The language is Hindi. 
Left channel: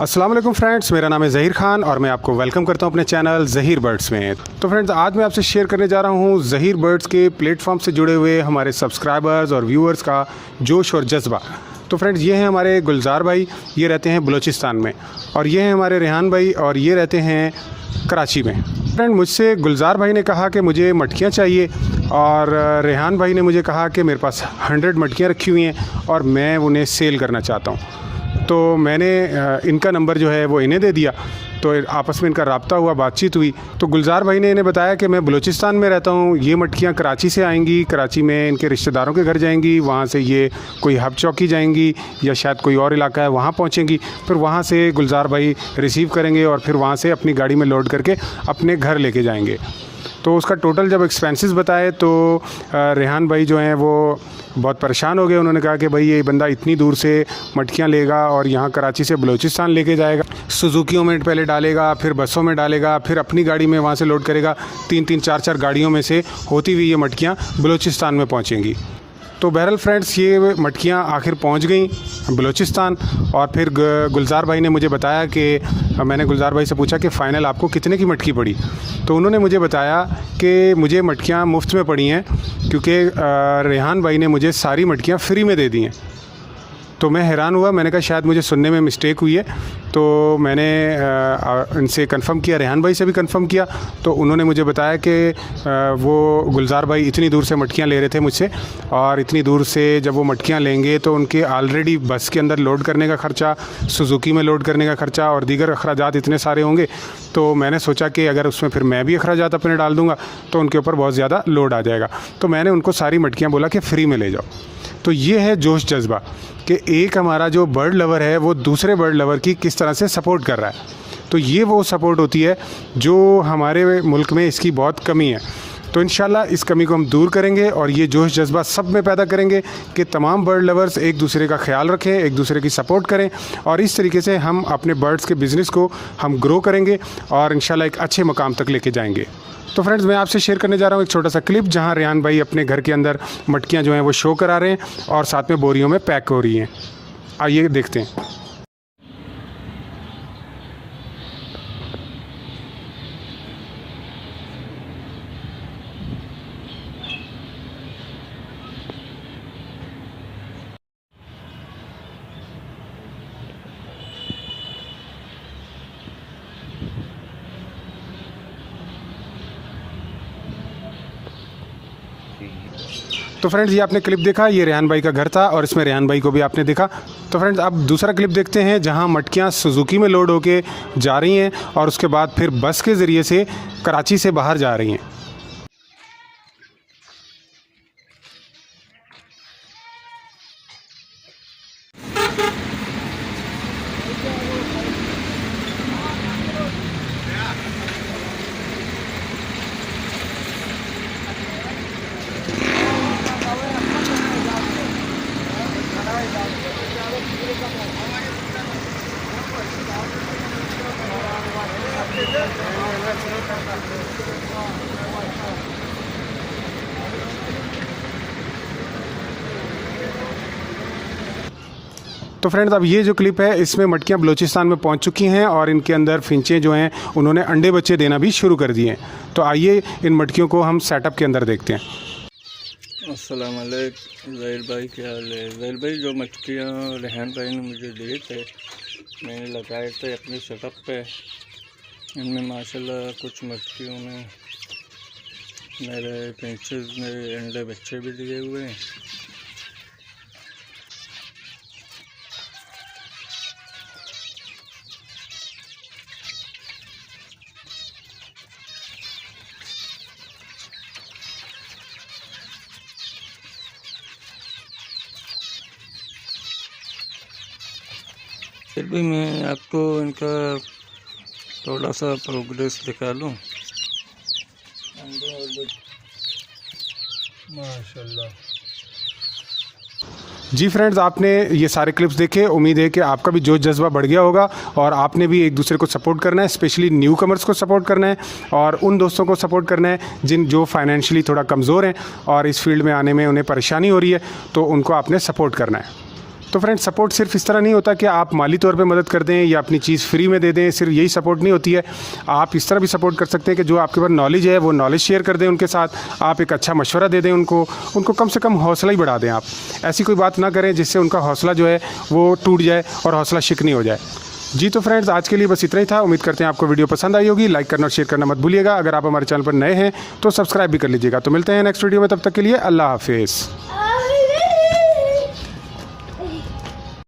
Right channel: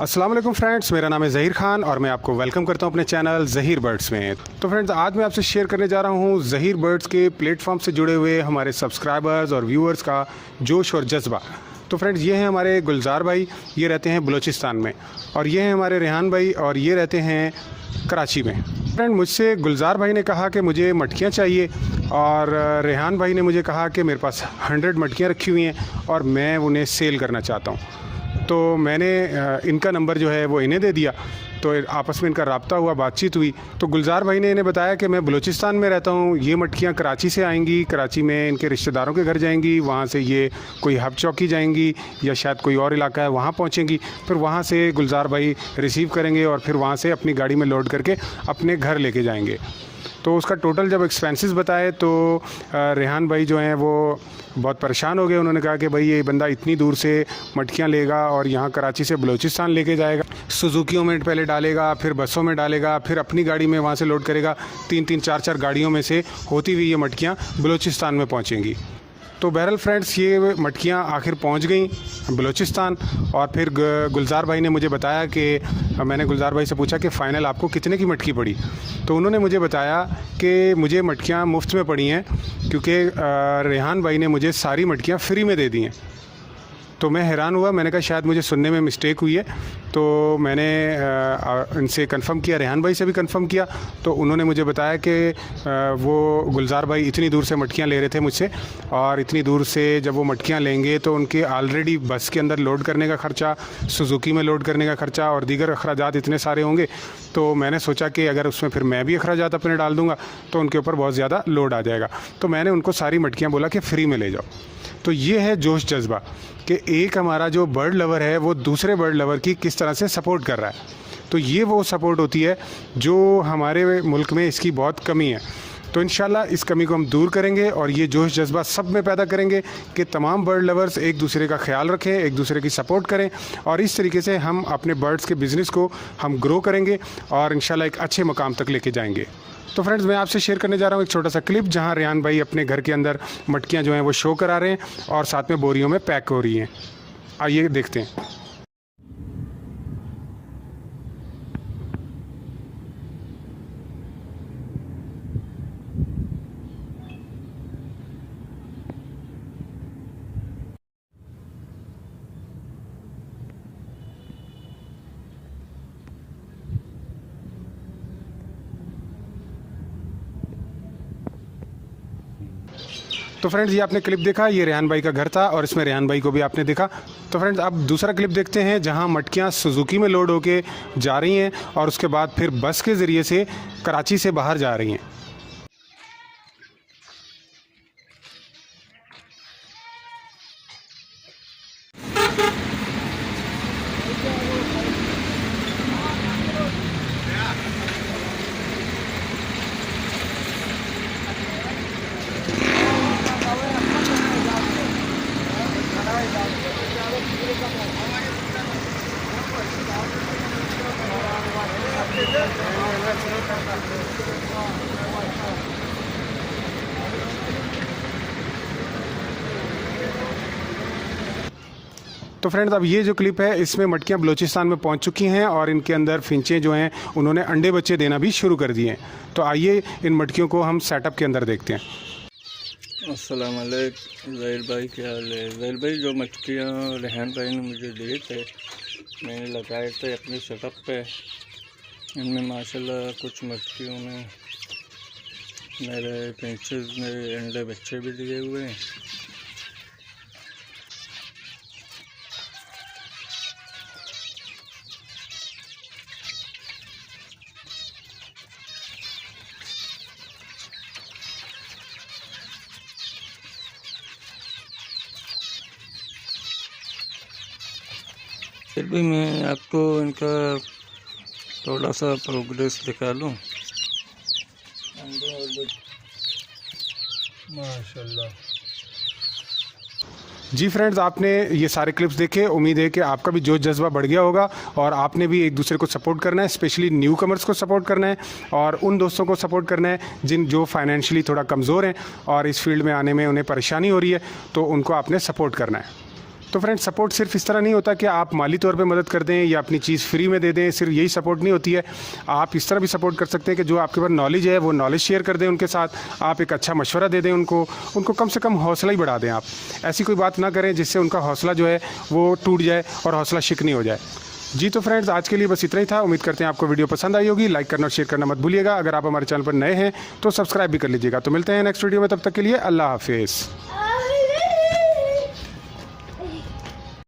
अस्सलाम वालेकुम फ्रेंड्स, मेरा नाम है ज़हीर खान और मैं आपको वेलकम करता हूं अपने चैनल ज़हीर बर्ड्स में। तो फ्रेंड्स, आज मैं आपसे शेयर करने जा रहा हूं ज़हीर बर्ड्स के प्लेटफॉर्म से जुड़े हुए हमारे सब्सक्राइबर्स और व्यूअर्स का जोश और जज्बा। तो फ्रेंड्स, ये हैं हमारे गुलजार भाई, ये रहते हैं बलूचिस्तान में, और ये हैं हमारे रेहान भाई और ये रहते हैं कराची में। फ्रेंड, मुझसे गुलजार भाई ने कहा कि मुझे मटकियाँ चाहिए और रेहान भाई ने मुझे कहा कि मेरे पास 100 मटकियाँ रखी हुई हैं और मैं उन्हें सेल करना चाहता हूँ। तो मैंने इनका नंबर जो है वो इन्हें दे दिया, तो आपस में इनका रब्ता हुआ, बातचीत हुई। तो गुलजार भाई ने इन्हें बताया कि मैं बलूचिस्तान में रहता हूँ, ये मटकियाँ कराची से आएंगी, कराची में इनके रिश्तेदारों के घर जाएंगी, वहाँ से ये कोई हब चौकी जाएंगी या शायद कोई और इलाका है वहाँ पहुँचेंगी, फिर वहाँ से गुलजार भाई रिसीव करेंगे और फिर वहाँ से अपनी गाड़ी में लोड करके अपने घर लेके जाएंगे। तो उसका टोटल जब एक्सपेंसेस बताए तो रेहान भाई जो हैं वो बहुत परेशान हो गए। उन्होंने कहा कि भाई ये बंदा इतनी दूर से मटकियाँ लेगा और यहाँ कराची से बलूचिस्तान लेके जाएगा, सुजुकियों में पहले डालेगा, फिर बसों में डालेगा, फिर अपनी गाड़ी में वहाँ से लोड करेगा, 3-3 4-4 गाड़ियों में से होती हुई ये मटकियाँ बलूचिस्तान में पहुँचेंगी। तो बहरहाल फ्रेंड्स, ये मटकियाँ आखिर पहुँच गई बलूचिस्तान। और फिर गुलजार भाई ने मुझे बताया कि मैंने गुलजार भाई से पूछा कि फ़ाइनल आपको कितने की मटकी पड़ी। तो उन्होंने मुझे बताया कि मुझे मटकियाँ मुफ्त में पड़ी हैं क्योंकि रेहान भाई ने मुझे सारी मटकियाँ फ्री में दे दी हैं। तो मैं हैरान हुआ, मैंने कहा शायद मुझे सुनने में मिस्टेक हुई है। तो मैंने इनसे कंफ़र्म किया, रेहान भाई से भी कंफ़र्म किया। तो उन्होंने मुझे बताया कि वो गुलजार भाई इतनी दूर से मटकियाँ ले रहे थे मुझसे, और इतनी दूर से जब वो मटकियाँ लेंगे तो उनके ऑलरेडी बस के अंदर लोड करने का ख़र्चा, सुजुकी में लोड करने का ख़र्चा और दीगर अखराजात इतने सारे होंगे। तो मैंने सोचा कि अगर उसमें फिर मैं भी अखराजात अपने डाल दूँगा तो उनके ऊपर बहुत ज़्यादा लोड आ जाएगा। तो मैंने उनको सारी मटकियाँ बोला कि फ्री में ले जाओ। तो ये है जोश जज्बा कि एक हमारा जो बर्ड लवर है वो दूसरे बर्ड लवर की किस तरह से सपोर्ट कर रहा है। तो ये वो सपोर्ट होती है जो हमारे मुल्क में इसकी बहुत कमी है। तो इंशाल्लाह इस कमी को हम दूर करेंगे और ये जोश जज्बा सब में पैदा करेंगे कि तमाम बर्ड लवर्स एक दूसरे का ख्याल रखें, एक दूसरे की सपोर्ट करें, और इस तरीके से हम अपने बर्ड्स के बिज़नेस को हम ग्रो करेंगे और इंशाल्लाह एक अच्छे मुकाम तक लेके जाएंगे। तो फ्रेंड्स, मैं आपसे शेयर करने जा रहा हूँ एक छोटा सा क्लिप जहाँ रेहान भाई अपने घर के अंदर मटकियाँ जो हैं वो शो करा रहे हैं और साथ में बोरियों में पैक हो रही हैं। आइए देखते हैं। तो फ्रेंड्स, ये आपने क्लिप देखा, ये रेहान भाई का घर था और इसमें रेहान भाई को भी आपने देखा। तो फ्रेंड्स, अब दूसरा क्लिप देखते हैं जहां मटकियां सुजुकी में लोड होके जा रही हैं और उसके बाद फिर बस के ज़रिए से कराची से बाहर जा रही हैं। तो फ्रेंड्स, अब ये जो क्लिप है इसमें मटकियाँ बलूचिस्तान में पहुंच चुकी हैं और इनके अंदर फिंचे जो हैं उन्होंने अंडे बच्चे देना भी शुरू कर दिए हैं। तो आइए इन मटकियों को हम सेटअप के अंदर देखते हैं। अस्सलाम वालेकुम ज़हीर भाई, क्या हाल है? ज़हीर भाई, जो मटकियाँ रेहान भाई ने मुझे दिए थे, मैंने लगाए थे अपने सेटअप पे। इनमें माशाल्लाह कुछ मटकियों में मेरे फिंचेस ने अंडे बच्चे भी दिए हुए हैं। फिर भी मैं आपको इनका थोड़ा सा प्रोग्रेस दिखा लूँ। माशाल्लाह। जी फ्रेंड्स, आपने ये सारे क्लिप्स देखे, उम्मीद है कि आपका भी जोश जज्बा बढ़ गया होगा और आपने भी एक दूसरे को सपोर्ट करना है, स्पेशली न्यू कमर्स को सपोर्ट करना है और उन दोस्तों को सपोर्ट करना है जो फाइनेंशियली थोड़ा कमज़ोर हैं और इस फील्ड में आने में उन्हें परेशानी हो रही है, तो उनको आपने सपोर्ट करना है। तो फ्रेंड्स सपोर्ट सिर्फ इस तरह नहीं होता कि आप माली तौर पे मदद कर दें या अपनी चीज़ फ्री में दे दें, सिर्फ यही सपोर्ट नहीं होती है। आप इस तरह भी सपोर्ट कर सकते हैं कि जो आपके पास नॉलेज है वो नॉलेज शेयर कर दें उनके साथ, आप एक अच्छा मशवरा दे दें उनको कम से कम हौसला ही बढ़ा दें। आप ऐसी कोई बात ना करें जिससे उनका हौसला जो है वो टूट जाए और हौसला शिकनी हो जाए। जी तो फ्रेंड्स आज के लिए बस इतना ही था। उम्मीद करते हैं आपको वीडियो पसंद आई होगी। लाइक करना और शेयर करना मत भूलिएगा। अगर आप हमारे चैनल पर नए हैं तो सब्सक्राइब भी कर लीजिएगा। तो मिलते हैं नेक्स्ट वीडियो में, तब तक के लिए अल्लाह हाफिज़।